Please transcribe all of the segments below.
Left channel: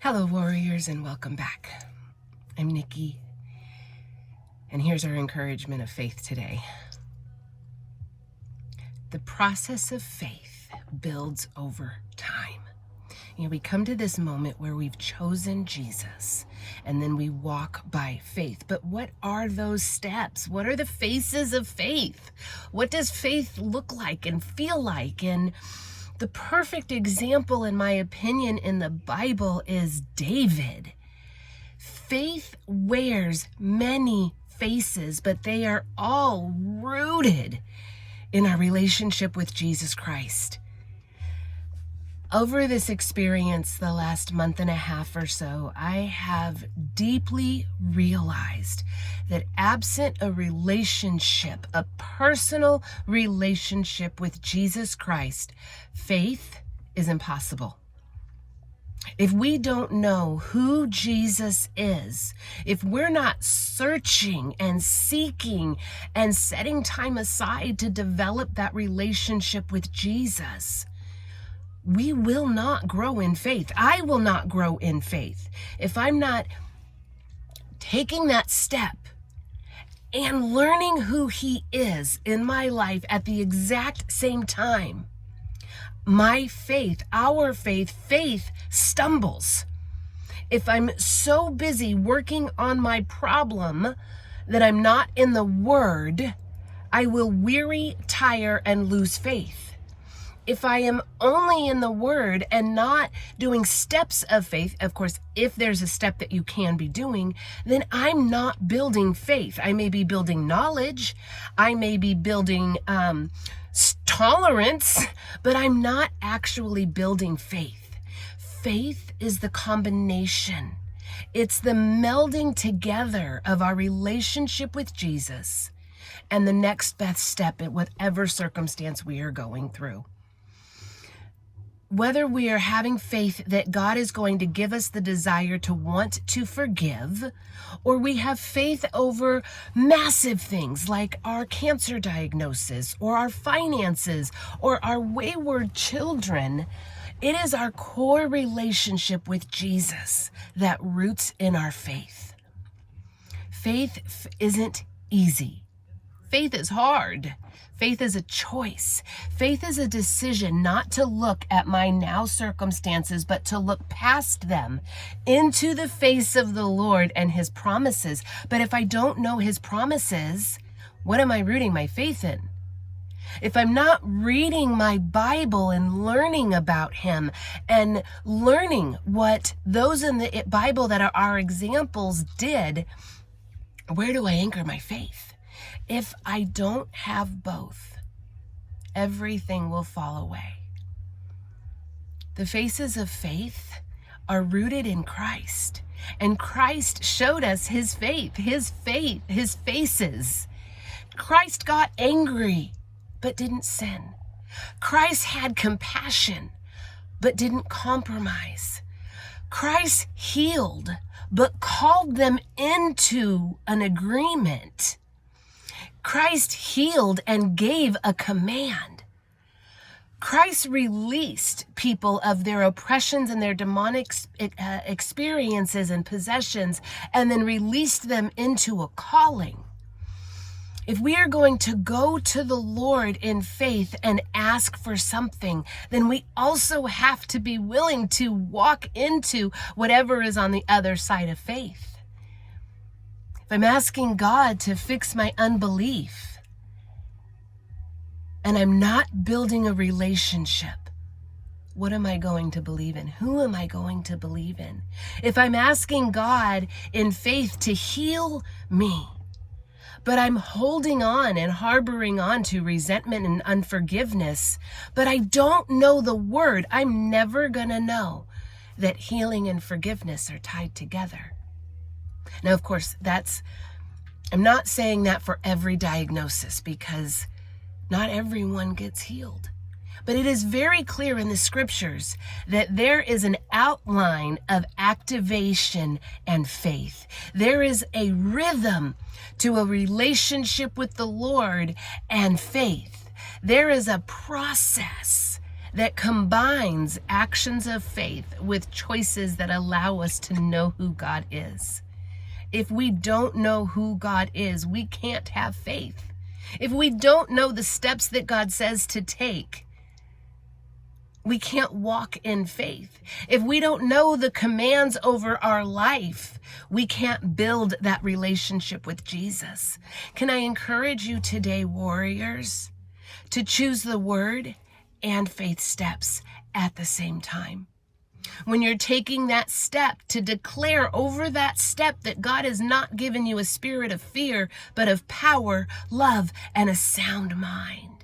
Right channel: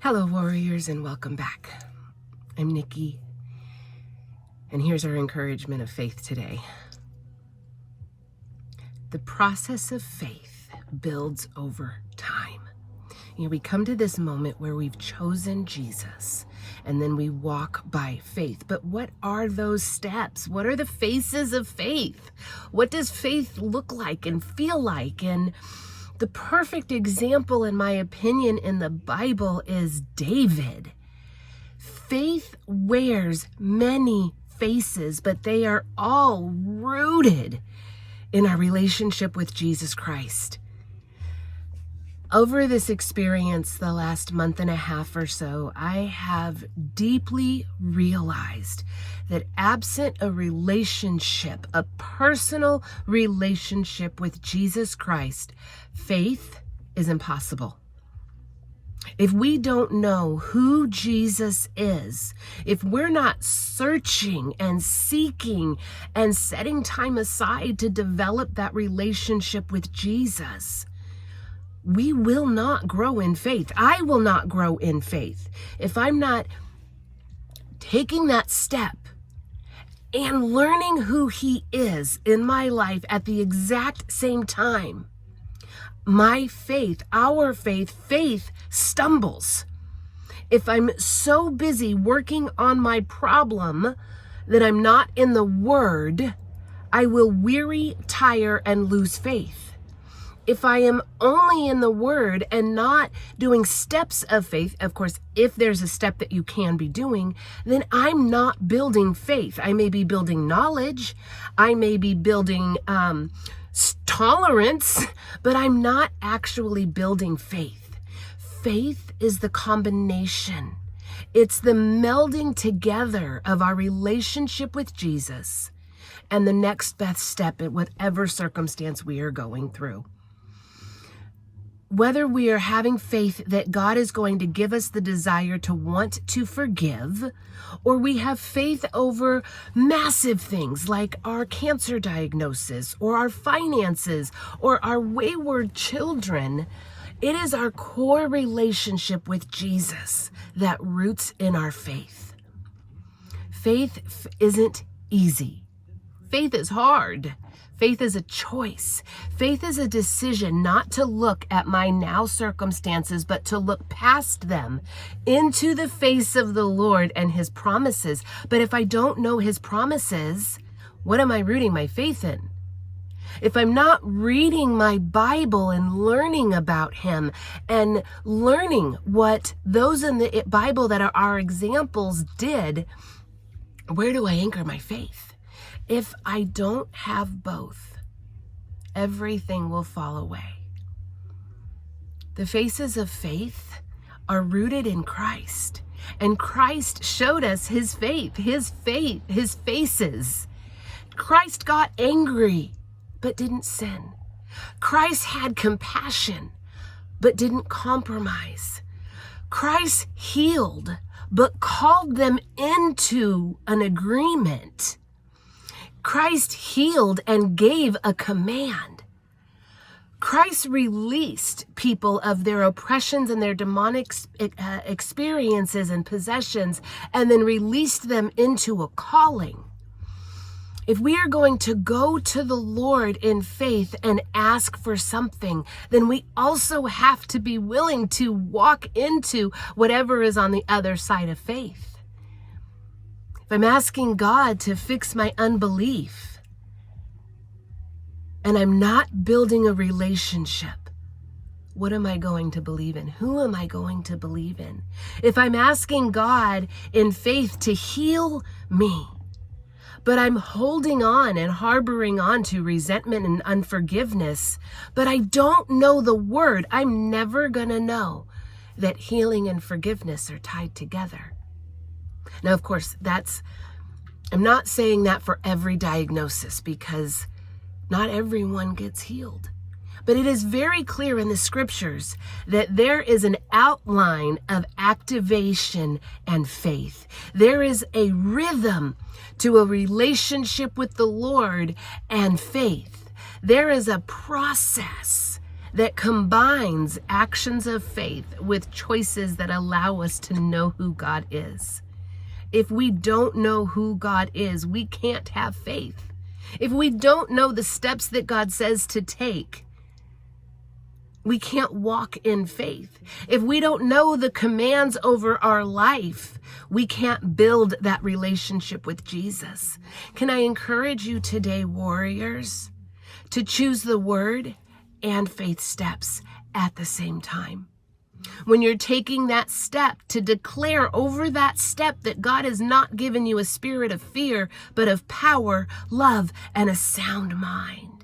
Hello, warriors, and welcome back. I'm Nikki, and here's our encouragement of faith today. The process of faith builds over time. We come to this moment where we've chosen Jesus, and then we walk by faith. But what are those steps? What are the phases of faith? What does faith look like and feel like? And the perfect example, in my opinion, in the Bible is David. Faith wears many faces, but they are all rooted in our relationship with Jesus Christ. Over this experience, the last month and a half or so, I have deeply realized that absent a relationship, a personal relationship with Jesus Christ, faith is impossible. If we don't know who Jesus is, if we're not searching and seeking and setting time aside to develop that relationship with Jesus, we will not grow in faith. I will not grow in faith if I'm not taking that step and learning who He is in my life at the exact same time. My faith, our faith stumbles. If I'm so busy working on my problem that I'm not in the Word, I will weary, tire, and lose faith. If I am only in the Word and not doing steps of faith, of course, if there's a step that you can be doing, then I'm not building faith. I may be building knowledge. I may be building tolerance, but I'm not actually building faith. Faith is the combination. It's the melding together of our relationship with Jesus and the next best step in whatever circumstance we are going through. Whether we are having faith that God is going to give us the desire to want to forgive, or we have faith over massive things like our cancer diagnosis, or our finances, or our wayward children, it is our core relationship with Jesus that roots in our faith. Faith isn't easy. Faith is hard. Faith is a choice. Faith is a decision not to look at my now circumstances, but to look past them into the face of the Lord and His promises. But if I don't know His promises, what am I rooting my faith in? If I'm not reading my Bible and learning about Him and learning what those in the Bible that are our examples did, where do I anchor my faith? If I don't have both, everything will fall away. The faces of faith are rooted in Christ, and Christ showed us His faith, His faces. Christ got angry, but didn't sin. Christ had compassion, but didn't compromise. Christ healed, but called them into an agreement. Christ healed and gave a command. Christ released people of their oppressions and their demonic experiences and possessions, and then released them into a calling. If we are going to go to the Lord in faith and ask for something, then we also have to be willing to walk into whatever is on the other side of faith. If I'm asking God to fix my unbelief and I'm not building a relationship, what am I going to believe in? Who am I going to believe in? If I'm asking God in faith to heal me, but I'm holding on and harboring on to resentment and unforgiveness, but I don't know the Word, I'm never going to know that healing and forgiveness are tied together. Now, of course, I'm not saying that for every diagnosis, because not everyone gets healed. But it is very clear in the scriptures that there is an outline of activation and faith. There is a rhythm to a relationship with the Lord and faith. There is a process that combines actions of faith with choices that allow us to know who God is. If we don't know who God is, we can't have faith. If we don't know the steps that God says to take, we can't walk in faith. If we don't know the commands over our life, we can't build that relationship with Jesus. Can I encourage you today, warriors, to choose the word and faith steps at the same time? When you're taking that step, to declare over that step that God has not given you a spirit of fear, but of power, love, and a sound mind.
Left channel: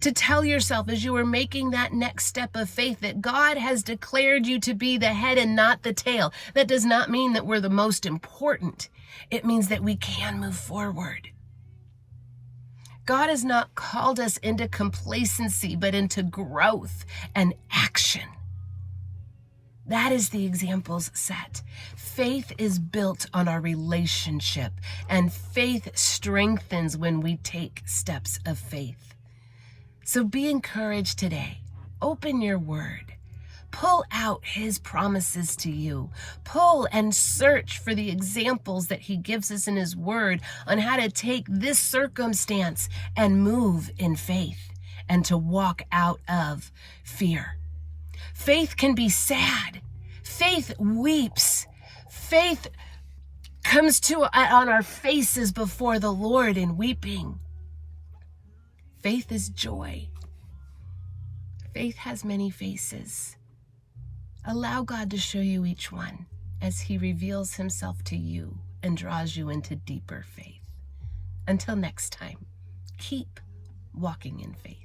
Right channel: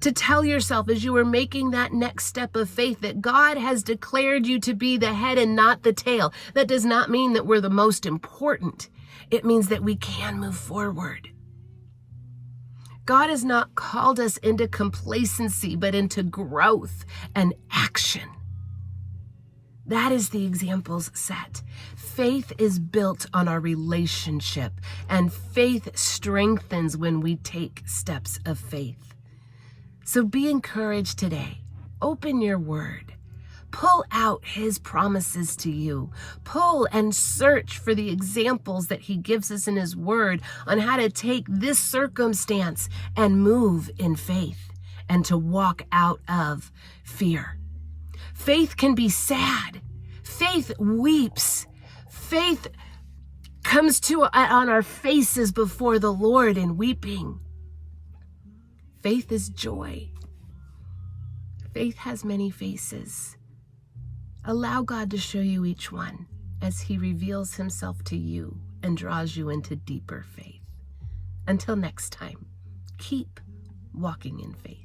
To tell yourself as you are making that next step of faith that God has declared you to be the head and not the tail. That does not mean that we're the most important. It means that we can move forward. God has not called us into complacency, but into growth and action. That is the examples set. Faith is built on our relationship, and faith strengthens when we take steps of faith. So be encouraged today. Open your word. Pull out his promises to you. Pull and search for the examples that he gives us in his word on how to take this circumstance and move in faith and to walk out of fear. Faith can be sad. Faith weeps. Faith comes to on our faces before the Lord in weeping. Faith is joy. Faith has many faces. Allow God to show you each one as he reveals himself to you and draws you into deeper faith. Until next time, keep walking in faith.